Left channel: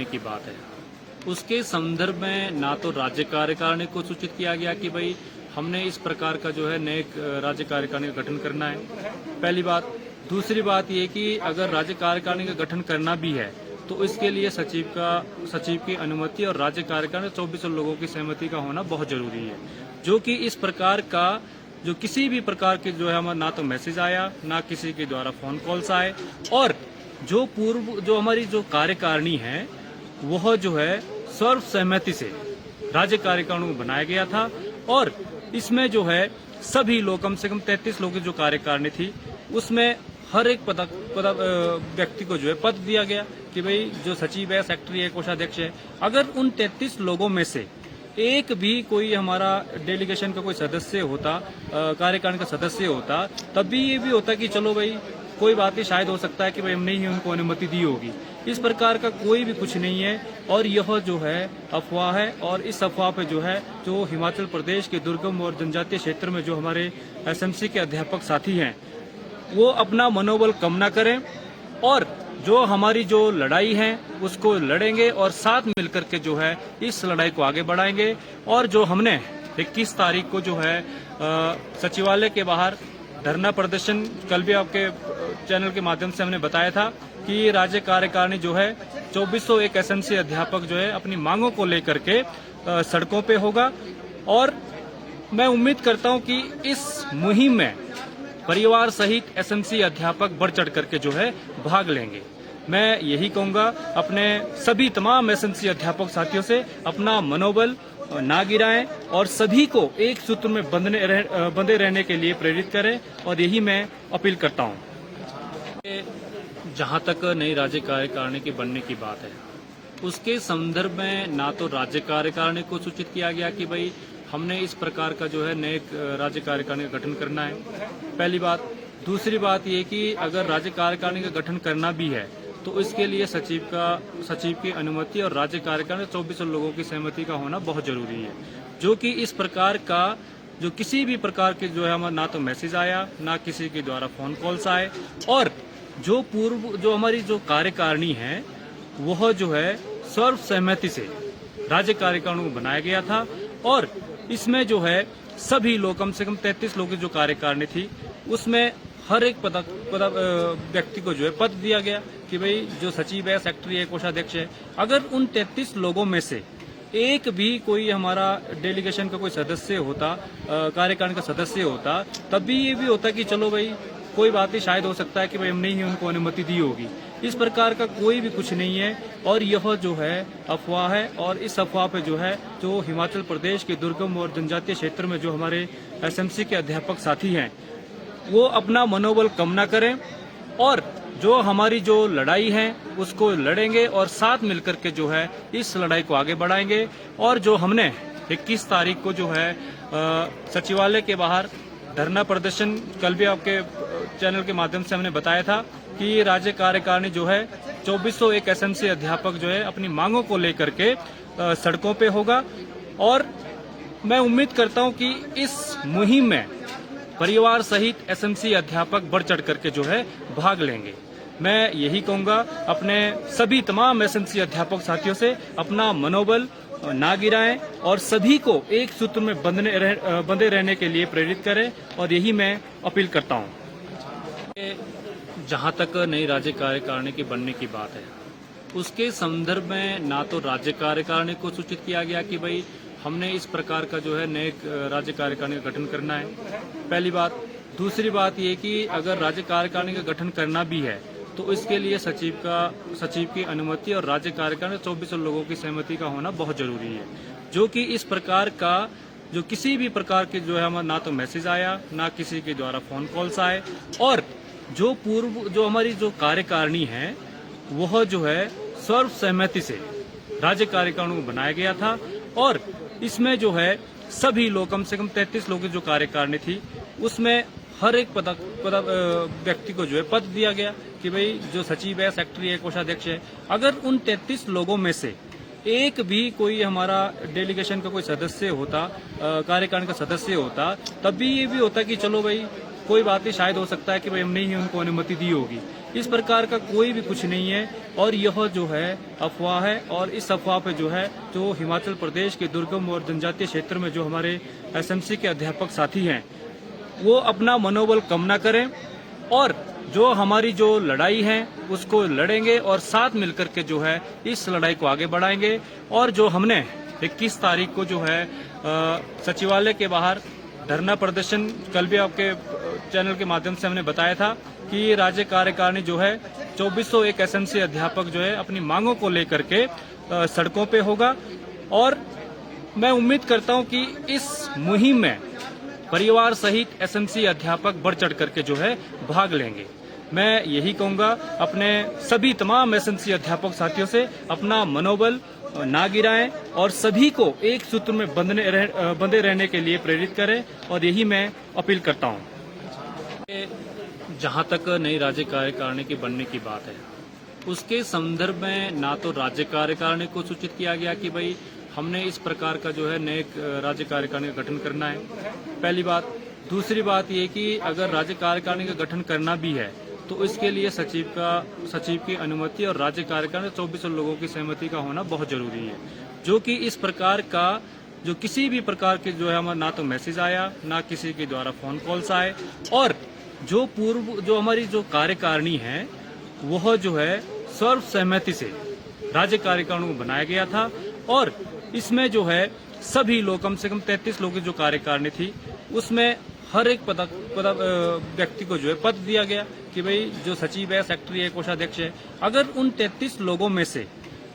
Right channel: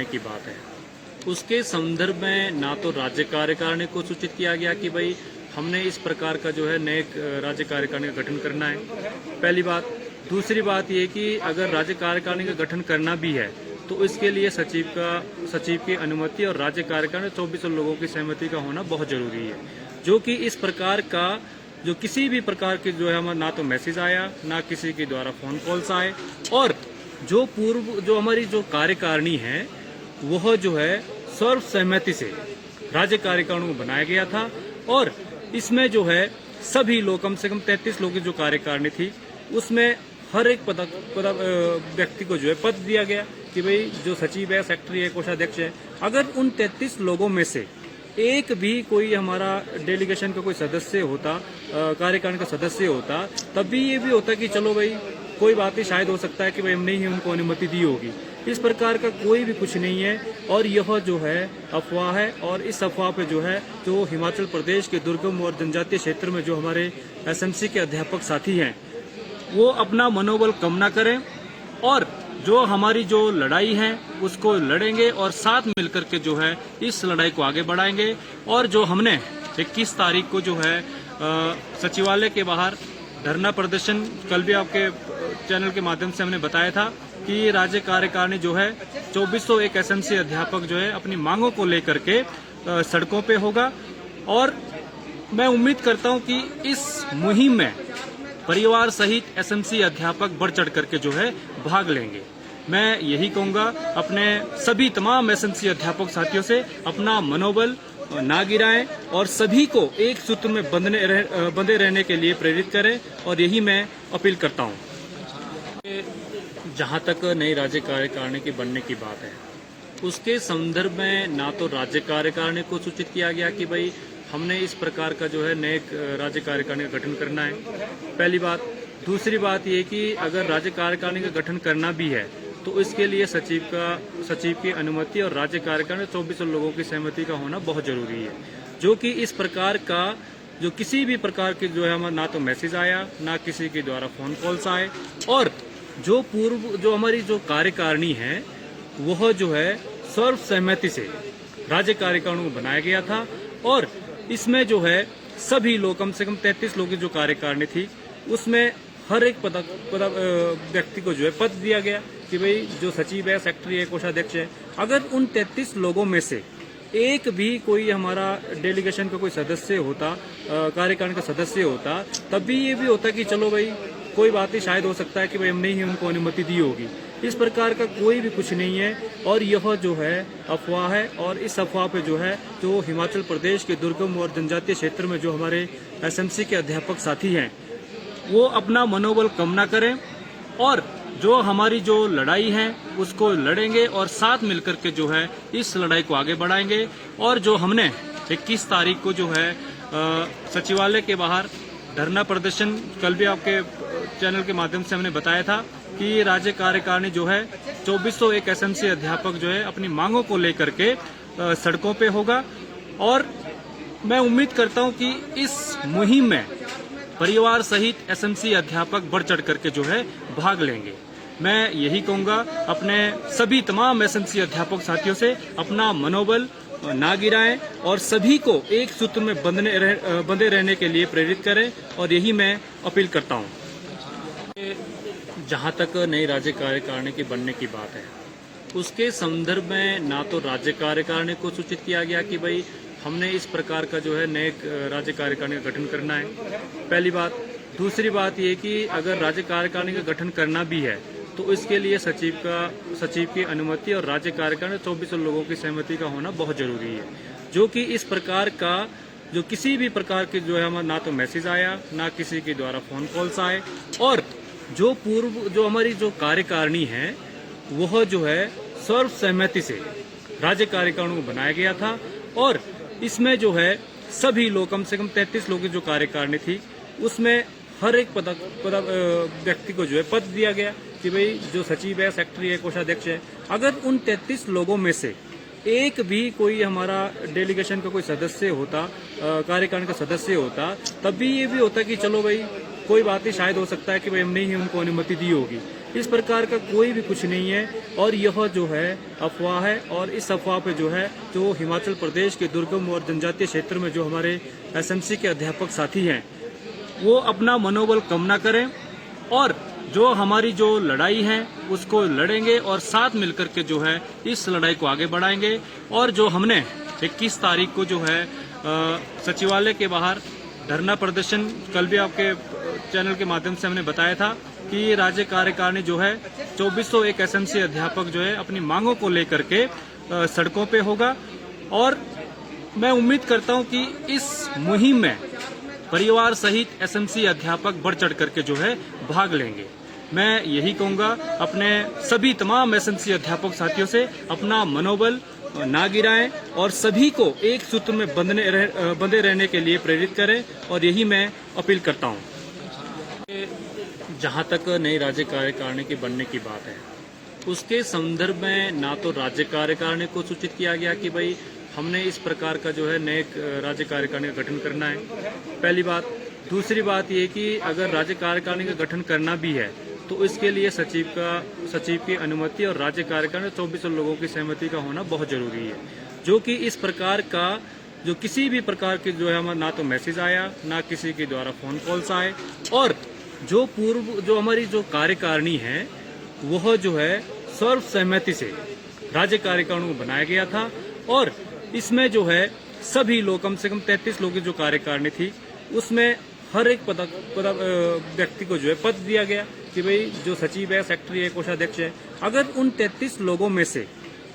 की बात है। उसके संदर्भ में ना तो राज्य कार्यकारिणी को सूचित किया गया कि भाई हमने इस प्रकार का जो है नए राज्य कार्यकारिणी का गठन करना है, पहली बात। दूसरी बात ये कि अगर राज्य कार्यकारिणी का गठन करना भी है तो इसके लिए सचिव की अनुमति और राज्य कार्यकारिणी 24 लोगों की सहमति का होना बहुत जरूरी है, जो कि इस प्रकार का जो किसी भी प्रकार की जो है ना तो मैसेज आया, ना किसी के द्वारा फोन कॉल्स आए, और जो हमारी जो कार्यकारिणी है वह जो है सर्व सहमति से राज्य कार्यकारिणी को बनाया गया था। और इसमें जो है सभी लोग, कम से कम 33 लोगों की जो कार्यकारिणी थी, उसमें हर एक व्यक्ति को जो है पद दिया गया कि भाई जो सचिव है, सेक्रेटरी है, कोषाध्यक्ष है। अगर उन 33 लोगों में से एक भी कोई हमारा डेलीगेशन का कोई सदस्य होता, कार्यकारिणी का सदस्य होता, तब भी ये भी होता कि चलो भाई कोई बात नहीं, शायद हो सकता है कि भाई हमने ही उनको अनुमति दी होगी। इस प्रकार का कोई भी कुछ नहीं है और यह जो है अफवाह है। और इस अफवाह पे जो है जो हिमाचल प्रदेश के दुर्गम और जनजातीय क्षेत्र में जो हमारे एसएमसी के अध्यापक साथी हैं वो अपना मनोबल कम ना करें और जो हमारी जो लड़ाई है उसको लड़ेंगे और साथ मिलकर के जो है इस लड़ाई को आगे बढ़ाएंगे। और जो हमने 21 तारीख को जो है सचिवालय के बाहर धरना प्रदर्शन, कल भी आपके चैनल के माध्यम से हमने बताया था कि राज्य कार्यकारिणी जो है 2401 एसएमसी अध्यापक जो है अपनी मांगों को लेकर के सड़कों पे होगा। और मैं उम्मीद करता हूं कि इस मुहिम में परिवार सहित एसएमसी अध्यापक बढ़ चढ़ करके जो है भाग लेंगे। मैं यही कहूंगा अपने सभी तमाम एसएमसी अध्यापक साथियों से, अपना मनोबल ना गिराएं और सभी को एक सूत्र में बंधे रहने के लिए प्रेरित करें। और यही मैं अपील करता हूं। जहां तक नई राज्य कार्यकारिणी के बनने की बात है, उसके संदर्भ में ना तो राज्य कार्यकारिणी को सूचित किया गया कि भाई हमने इस प्रकार का जो है नए राज्य कार्यकारिणी का गठन करना है, पहली बात। दूसरी बात ये कि अगर राज्य कार्यकारिणी का गठन करना भी है तो इसके लिए सचिव की अनुमति और राज्य कार्यकारिणी 24 लोगों की सहमति का होना बहुत जरूरी है, जो कि इस प्रकार का जो किसी भी प्रकार की जो है ना तो मैसेज आया, ना किसी के द्वारा फोन कॉल्स आए। और जो हमारी जो कार्यकारिणी है वह जो है सर्व सहमति से राज्य कार्यकारिणी को बनाया गया था। और इसमें जो है सभी लोग, कम से कम 33 लोगों की जो कार्यकारिणी थी, उसमें हर एक व्यक्ति को जो है पद दिया गया कि भाई जो सचिव है, सेक्रेटरी है, कोषाध्यक्ष है। अगर उन 33 लोगों में से एक भी कोई हमारा डेलीगेशन का कोई सदस्य होता, कार्यकारिणी का सदस्य होता, तब भी ये भी होता कि चलो भाई कोई बात नहीं, शायद हो सकता है कि भाई हमने ही उनको अनुमति दी होगी। इस प्रकार का कोई भी कुछ नहीं है और यह जो है अफवाह है। और इस अफवाह पे जो है जो हिमाचल प्रदेश के दुर्गम और जनजातीय क्षेत्र में जो हमारे एसएमसी के अध्यापक साथी हैं वो अपना मनोबल कम ना करें और जो हमारी जो लड़ाई है उसको लड़ेंगे और साथ मिलकर के जो है इस लड़ाई को आगे बढ़ाएंगे। और जो हमने 21 तारीख को जो है सचिवालय के बाहर धरना प्रदर्शन, कल भी आपके चैनल के माध्यम से हमने बताया था कि राज्य कार्यकारिणी जो है 2401 एसएमसी अध्यापक जो है अपनी मांगों को लेकर के सड़कों पे होगा। और मैं उम्मीद करता हूं कि इस मुहिम में परिवार सहित एसएमसी अध्यापक बढ़ चढ़ करके जो है भाग लेंगे। मैं यही कहूंगा अपने सभी तमाम एसएमसी अध्यापक साथियों से, अपना मनोबल ना गिराएं और सभी को एक सूत्र में बंधे रहने के लिए प्रेरित करें। और यही मैं अपील करता हूं। जहां तक नई राज्य कार्यकारिणी के बनने की बात है, उसके संदर्भ में ना तो राज्य कार्यकारिणी को सूचित किया गया कि भाई हमने इस प्रकार का जो है नए राज्य कार्यकारिणी का गठन करना है, पहली बात। दूसरी बात ये कि अगर राज्य कार्यकारिणी का गठन करना भी है तो इसके लिए सचिव की अनुमति और राज्य कार्यकारिणी 24 लोगों की सहमति का होना बहुत जरूरी है, जो कि इस प्रकार का जो किसी भी प्रकार की जो है ना तो मैसेज आया, ना किसी के द्वारा फोन कॉल्स आए। और जो हमारी जो कार्यकारिणी है वह जो है सर्व सहमति से राज्य कार्यकारिणी को बनाया गया था। और इसमें जो है सभी लोग, कम से कम 33 लोगों की जो कार्यकारिणी थी, उसमें हर एक व्यक्ति को जो है पद दिया गया कि भाई जो सचिव है, सेक्रेटरी है, कोषाध्यक्ष है। अगर उन 33 लोगों में से एक भी कोई हमारा डेलीगेशन का कोई सदस्य होता, कार्यकारिणी का सदस्य होता, तब भी ये भी होता कि चलो भाई कोई बात नहीं, शायद हो सकता है कि भाई हमने ही उनको अनुमति दी होगी। इस प्रकार का कोई भी कुछ नहीं है और यह जो है अफवाह है। और इस अफवाह पे जो है जो हिमाचल प्रदेश के दुर्गम और जनजातीय क्षेत्र में जो हमारे एसएमसी के अध्यापक साथी हैं वो अपना मनोबल कम ना करें और जो हमारी जो लड़ाई है उसको लड़ेंगे और साथ मिलकर के जो है इस लड़ाई को आगे बढ़ाएंगे। और जो हमने 21 तारीख को जो है सचिवालय के बाहर धरना प्रदर्शन कल भी आपके चैनल के माध्यम से हमने बताया था कि राज्य कार्यकारिणी जो है 2401 एसएमसी अध्यापक जो है अपनी मांगों को लेकर के सड़कों पे होगा। और मैं उम्मीद करता हूं कि इस मुहिम में परिवार सहित एसएमसी अध्यापक बढ़ चढ़ करके जो है भाग लेंगे। मैं यही कहूंगा अपने सभी तमाम एसएमसी अध्यापक साथियों से अपना मनोबल ना गिराएं और सभी को एक सूत्र में बंधे रहने के लिए प्रेरित करें। और यही मैं अपील करता हूं। जहां तक नई राज्य कार्यकारिणी के बनने की बात है उसके संदर्भ में ना तो राज्य कार्यकारिणी को सूचित किया गया कि भाई हमने इस प्रकार का जो है नए राज्य कार्यकारिणी का गठन करना है, पहली बात। दूसरी बात ये कि अगर राज्य कार्यकारिणी का गठन करना भी है तो इसके लिए सचिव की अनुमति और राज्य कार्यकारिणी 24 लोगों की सहमति का होना बहुत जरूरी है। जो कि इस प्रकार का जो किसी भी प्रकार के जो है ना तो मैसेज आया ना किसी के द्वारा फोन कॉल्स आए। और जो हमारी जो कार्यकारिणी है वह जो है सर्व सहमति से राज्य कार्यकारिणी को बनाया गया था। और इसमें जो है सभी लोग कम से कम 33 लोगों की जो कार्यकारिणी थी उसमें हर एक व्यक्ति को जो है पद दिया गया कि भाई जो सचिव है, सेक्रेटरी है, कोषाध्यक्ष है। अगर उन 33 लोगों में से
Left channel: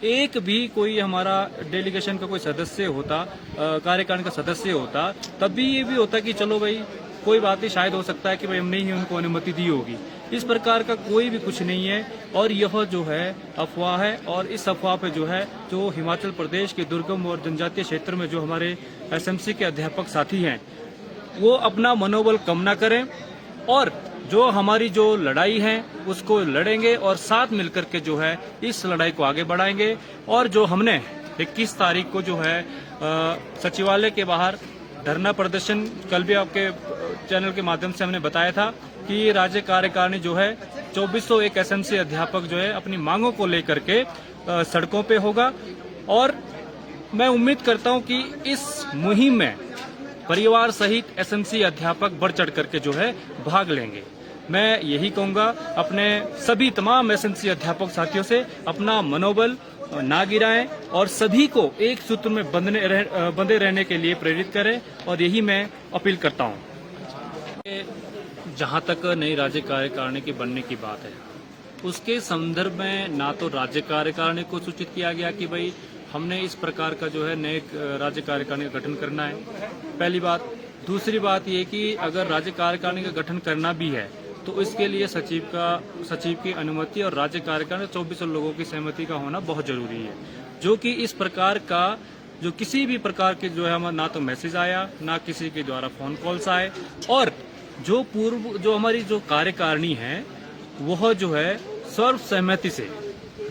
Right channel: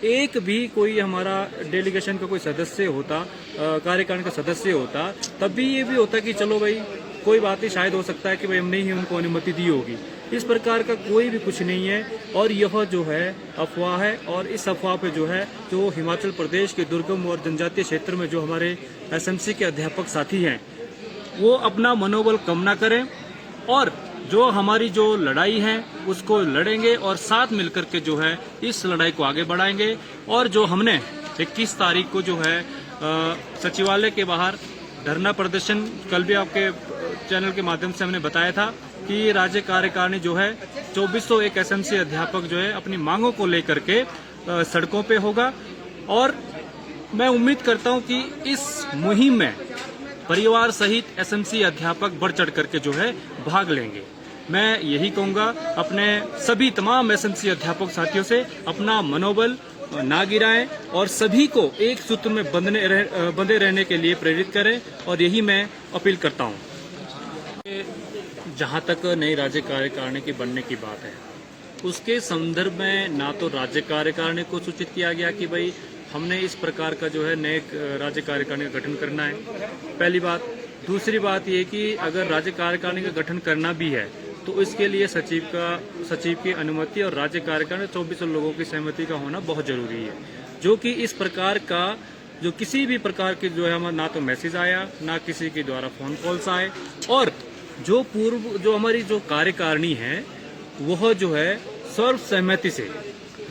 एक भी कोई हमारा डेलीगेशन का कोई सदस्य होता, कार्यकारिणी का सदस्य होता, तब भी ये भी होता कि चलो भाई कोई बात नहीं, शायद हो सकता है कि भाई हमने ही उनको अनुमति दी होगी। इस प्रकार का कोई भी कुछ नहीं है और यह जो है अफवाह है। और इस अफवाह पे जो है जो हिमाचल प्रदेश के दुर्गम और जनजातीय क्षेत्र में जो हमारे एसएमसी के अध्यापक साथी हैं वो अपना मनोबल कम ना करें और जो हमारी जो लड़ाई है उसको लड़ेंगे और साथ मिलकर के जो है इस लड़ाई को आगे बढ़ाएंगे। और जो हमने 21 तारीख को जो है सचिवालय के बाहर धरना प्रदर्शन कल भी आपके चैनल के माध्यम से हमने बताया था कि राज्य कार्यकारिणी जो है 2401 एसएमसी अध्यापक जो है अपनी मांगों को लेकर के सड़कों पे होगा। और मैं उम्मीद करता हूं कि इस मुहिम में परिवार सहित एसएमसी अध्यापक बढ़ चढ़ करके जो है भाग लेंगे। मैं यही कहूंगा अपने सभी तमाम एसएमसी अध्यापक साथियों से अपना मनोबल ना गिराएं और सभी को एक सूत्र में बंधे रहने के लिए प्रेरित करें। और यही मैं अपील करता हूं। जहां तक नई राज्य कार्यकारिणी के बनने की बात है उसके संदर्भ में ना तो राज्य कार्यकारिणी को सूचित किया गया कि भाई हमने इस प्रकार का जो है नए राज्य कार्यकारिणी का गठन करना है, पहली बात। दूसरी बात ये कि अगर राज्य कार्यकारिणी का गठन करना भी है तो इसके लिए सचिव की अनुमति और राज्य कार्यकारिणी 24 लोगों की सहमति का होना बहुत जरूरी है। जो कि इस प्रकार का जो किसी भी प्रकार के जो है ना तो मैसेज आया ना किसी के द्वारा फोन कॉल्स आए। और जो हमारी जो कार्यकारिणी है वह जो है सर्व सहमति से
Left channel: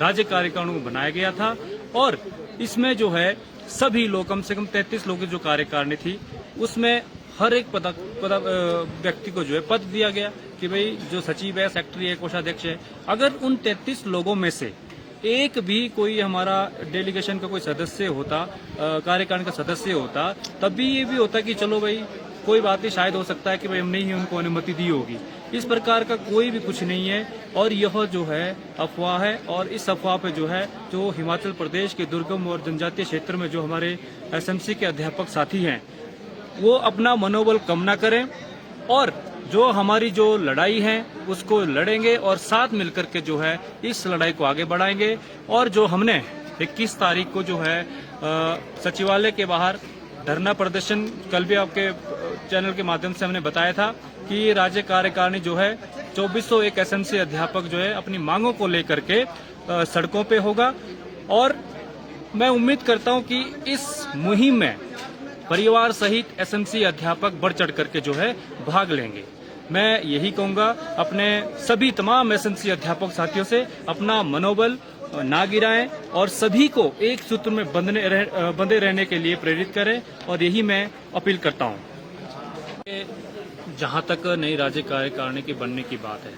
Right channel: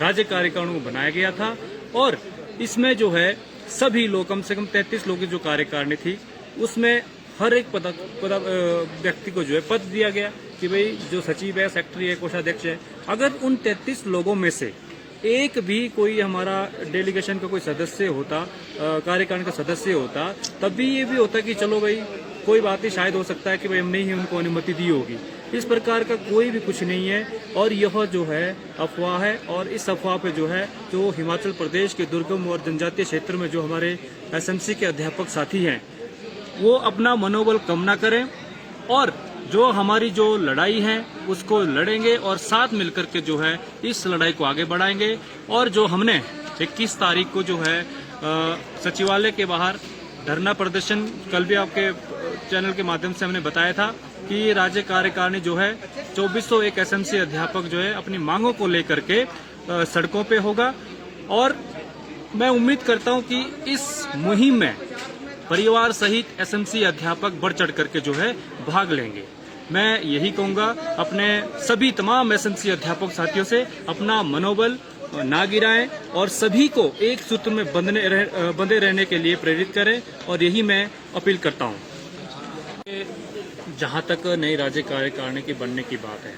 राज्य कार्यकारिणी को बनाया गया था। और इसमें जो है सभी लोग कम से कम 33 लोगों की जो कार्यकारिणी थी उसमें हर एक व्यक्ति को जो है पद दिया गया कि भाई जो सचिव है, सेक्रेटरी है, कोषाध्यक्ष है। अगर उन 33 लोगों में से एक भी कोई हमारा डेलीगेशन का कोई सदस्य होता, कार्यकारिणी का सदस्य होता, तब भी ये भी होता कि चलो भाई कोई बात नहीं, शायद हो सकता है कि भाई हमने ही उनको अनुमति दी होगी। इस प्रकार का कोई भी कुछ नहीं है और यह जो है अफवाह है। और इस अफवाह पे जो है जो हिमाचल प्रदेश के दुर्गम और जनजातीय क्षेत्र में जो हमारे एसएमसी के अध्यापक साथी हैं वो अपना मनोबल कम ना करें और जो हमारी जो लड़ाई है उसको लड़ेंगे और साथ मिलकर के जो है इस लड़ाई को आगे बढ़ाएंगे। और जो हमने 21 तारीख को जो है सचिवालय के बाहर धरना प्रदर्शन कल भी आपके चैनल के माध्यम से हमने बताया था कि राज्य कार्यकारिणी जो है 2401 एसएमसी अध्यापक जो है अपनी मांगों को लेकर के सड़कों पे होगा। और मैं उम्मीद करता हूं कि इस मुहिम में परिवार सहित एसएमसी अध्यापक बढ़ चढ़ करके जो है भाग लेंगे। मैं यही कहूंगा अपने सभी तमाम एसएमसी अध्यापक साथियों से अपना मनोबल ना गिराएं और सभी को एक सूत्र में बंधे रहने के लिए प्रेरित करें। और यही मैं अपील करता हूं। जहां तक नई राज्य कार्यकारिणी के बनने की बात है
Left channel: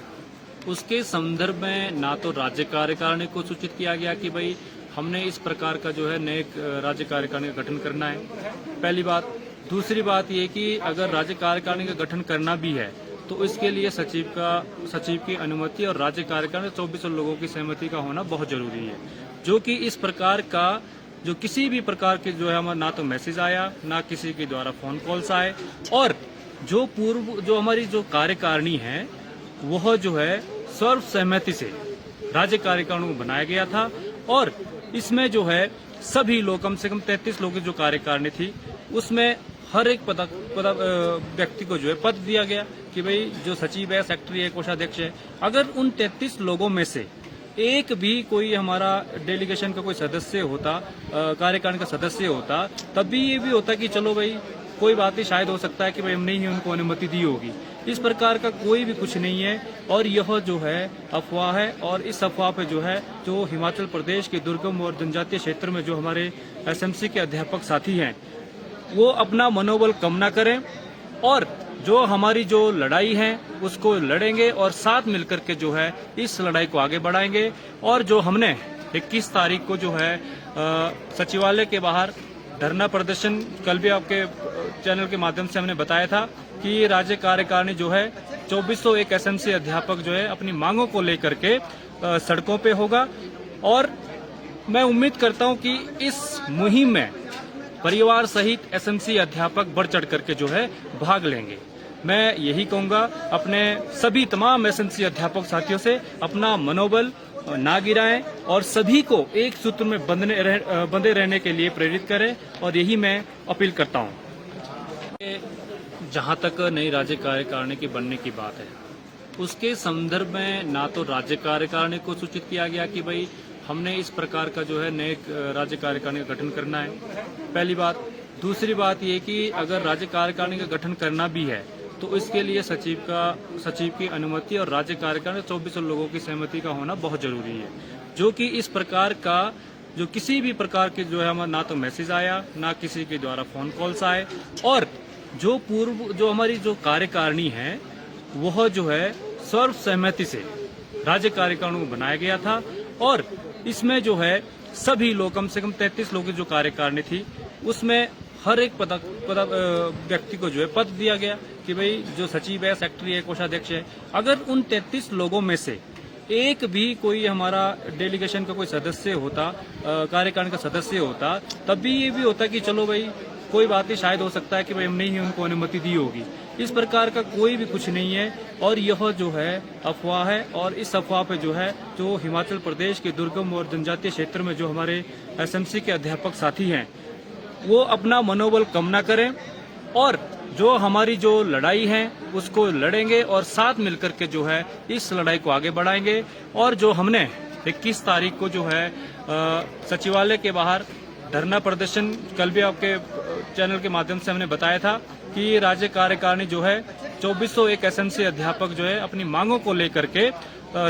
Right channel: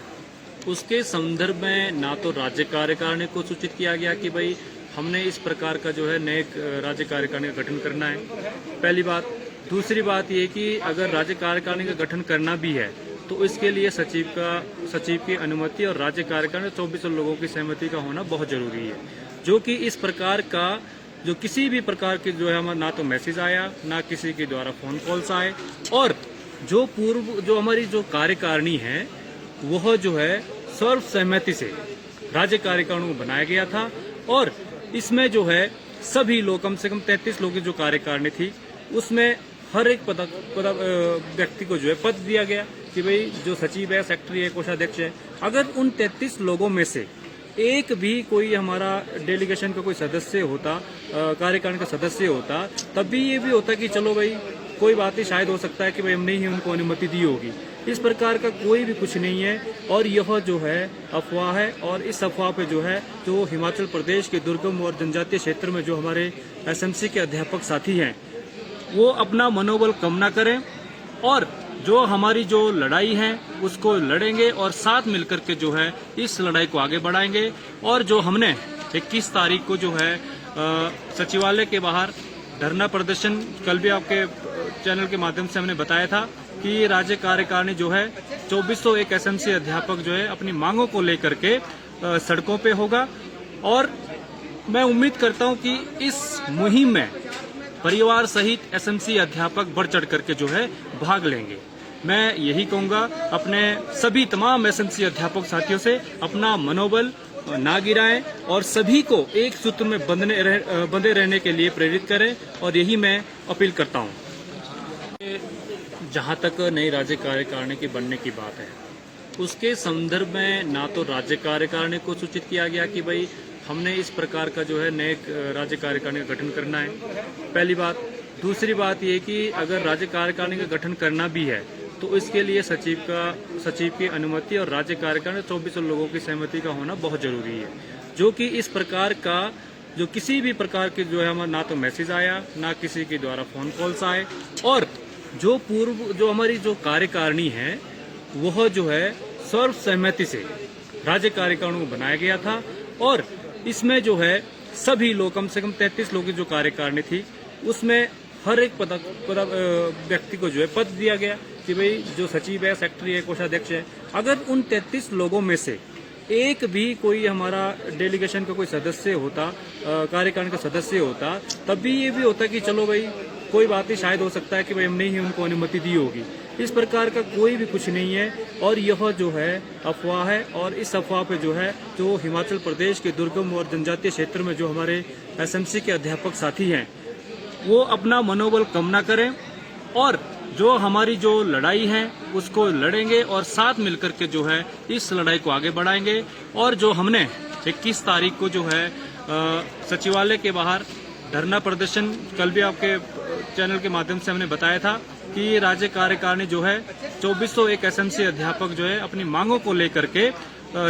उसके संदर्भ में ना तो राज्य कार्यकारिणी को सूचित किया गया कि भाई हमने इस प्रकार का जो है नए राज्य कार्यकारिणी का गठन करना है, पहली बात। दूसरी बात ये कि अगर राज्य कार्यकारिणी का गठन करना भी है तो इसके लिए सचिव की अनुमति और राज्य कार्यकारिणी 24 लोगों की सहमति का होना बहुत जरूरी है, जो कि इस प्रकार का जो किसी भी प्रकार की जो है हमारा ना तो मैसेज आया, ना किसी के द्वारा फोन कॉल्स आए, और जो हमारी जो कार्यकारिणी है वह जो है सर्व सहमति से राज्य कार्यकारिणी को बनाया गया था। और इसमें जो है सभी लोग, कम से कम 33 लोगों की जो कार्यकारिणी थी उसमें हर एक व्यक्ति को जो है पद दिया गया कि भाई जो सचिव है, सेक्रेटरी है, कोषाध्यक्ष है। अगर उन 33 लोगों में से एक भी कोई हमारा डेलीगेशन का कोई सदस्य होता, कार्यकारिणी का सदस्य होता, तब भी ये भी होता कि चलो भाई कोई बात नहीं, शायद हो सकता है कि भाई हमने ही उनको अनुमति दी होगी। इस प्रकार का कोई भी कुछ नहीं है और यह जो है अफवाह है। और इस अफवाह पे जो है जो हिमाचल प्रदेश के दुर्गम और जनजातीय क्षेत्र में जो हमारे एसएमसी के अध्यापक साथी हैं वो अपना मनोबल कम ना करें और जो हमारी जो लड़ाई है उसको लड़ेंगे और साथ मिलकर के जो है इस लड़ाई को आगे बढ़ाएंगे। और जो हमने 21 तारीख को जो है सचिवालय के बाहर धरना प्रदर्शन, कल भी आपके चैनल के माध्यम से हमने बताया था कि राज्य कार्यकारिणी जो है 2401 एसएमसी अध्यापक जो है अपनी मांगों को लेकर के सड़कों पे होगा। और मैं उम्मीद करता हूं कि इस मुहिम में परिवार सहित एसएमसी अध्यापक बढ़ चढ़ करके जो है भाग लेंगे। मैं यही कहूंगा अपने सभी तमाम एसएमसी अध्यापक साथियों से, अपना मनोबल ना गिराएं और सभी को एक सूत्र में बंधे रहने के लिए प्रेरित करें। और यही मैं अपील करता हूं। जहां तक नई राज्य कार्यकारिणी के बनने की बात है, उसके संदर्भ में ना तो राज्य कार्यकारिणी को सूचित किया गया कि भाई हमने इस प्रकार का जो है नए राज्य कार्यकारिणी का गठन करना है, पहली बात। दूसरी बात ये कि अगर राज्य कार्यकारिणी का गठन करना भी है तो इसके लिए सचिव की अनुमति और राज्य कार्यकारिणी 24 लोगों की सहमति का होना बहुत जरूरी है, जो कि इस प्रकार का जो किसी भी प्रकार की जो है हमारा ना तो मैसेज आया, ना किसी के द्वारा फोन कॉल्स आए। और जो हमारी जो कार्यकारिणी है वह जो है सर्व सहमति से राज्य कार्यकारिणी को बनाया गया था। और इसमें जो है सभी लोग, कम से कम 33 लोगों की जो कार्यकारिणी थी उसमें हर एक व्यक्ति को जो है पद दिया गया कि भाई जो सचिव है, सेक्रेटरी है, कोषाध्यक्ष है। अगर उन 33 लोगों में से एक भी कोई हमारा डेलीगेशन का कोई सदस्य होता, कार्यकारिणी का सदस्य होता, तब भी ये भी होता कि चलो भाई कोई बात नहीं, शायद हो सकता है कि भाई हमने ही उनको अनुमति दी होगी। इस प्रकार का कोई भी कुछ नहीं है और यह जो है अफवाह है। और इस अफवाह पे जो है जो हिमाचल प्रदेश के दुर्गम और जनजातीय क्षेत्र में जो हमारे एसएमसी के अध्यापक साथी हैं वो अपना मनोबल कम ना करें और जो हमारी जो लड़ाई है उसको लड़ेंगे और साथ मिलकर के जो है इस लड़ाई को आगे बढ़ाएंगे। और जो हमने 21 तारीख को जो है सचिवालय के बाहर धरना प्रदर्शन, कल भी आपके चैनल के माध्यम से हमने बताया था कि राज्य कार्यकारिणी जो है 2401 एसएमसी अध्यापक जो है अपनी मांगों को लेकर के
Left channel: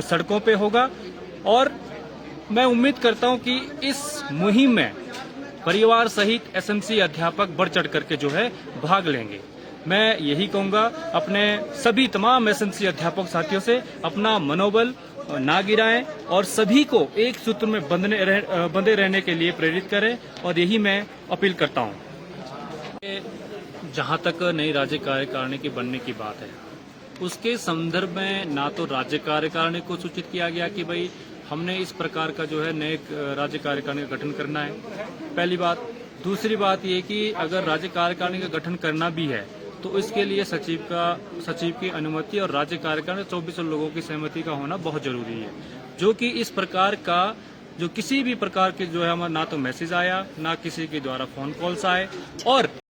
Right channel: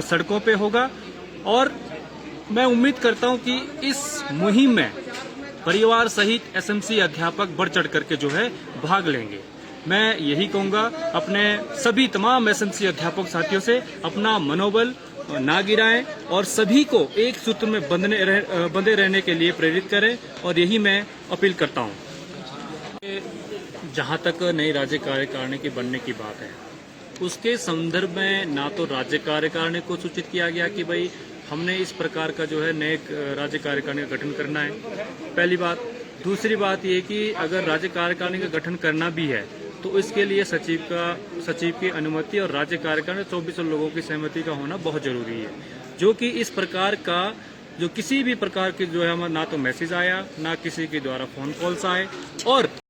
सड़कों पे होगा। और मैं उम्मीद करता हूं कि इस मुहिम में परिवार सहित एसएमसी अध्यापक बढ़ चढ़ करके जो है भाग लेंगे। मैं यही कहूंगा अपने सभी तमाम एसएमसी अध्यापक साथियों से, अपना मनोबल ना गिराएं और सभी को एक सूत्र में बंधे रहने के लिए प्रेरित करें। और यही मैं अपील करता हूं। जहां तक नई राज्य कार्यकारिणी के बनने की बात है, उसके संदर्भ में ना तो राज्य कार्यकारिणी को सूचित किया गया कि भाई हमने इस प्रकार का जो है नए राज्य कार्यकारिणी का गठन करना है, पहली बात। दूसरी बात ये कि अगर राज्य कार्यकारिणी का गठन करना भी है तो इसके लिए सचिव की अनुमति और राज्य कार्यकारिणी 24 लोगों की सहमति का होना बहुत जरूरी है, जो कि इस प्रकार का जो किसी भी प्रकार की जो है हमारा ना तो मैसेज आया, ना किसी के द्वारा फोन कॉल्स आए। और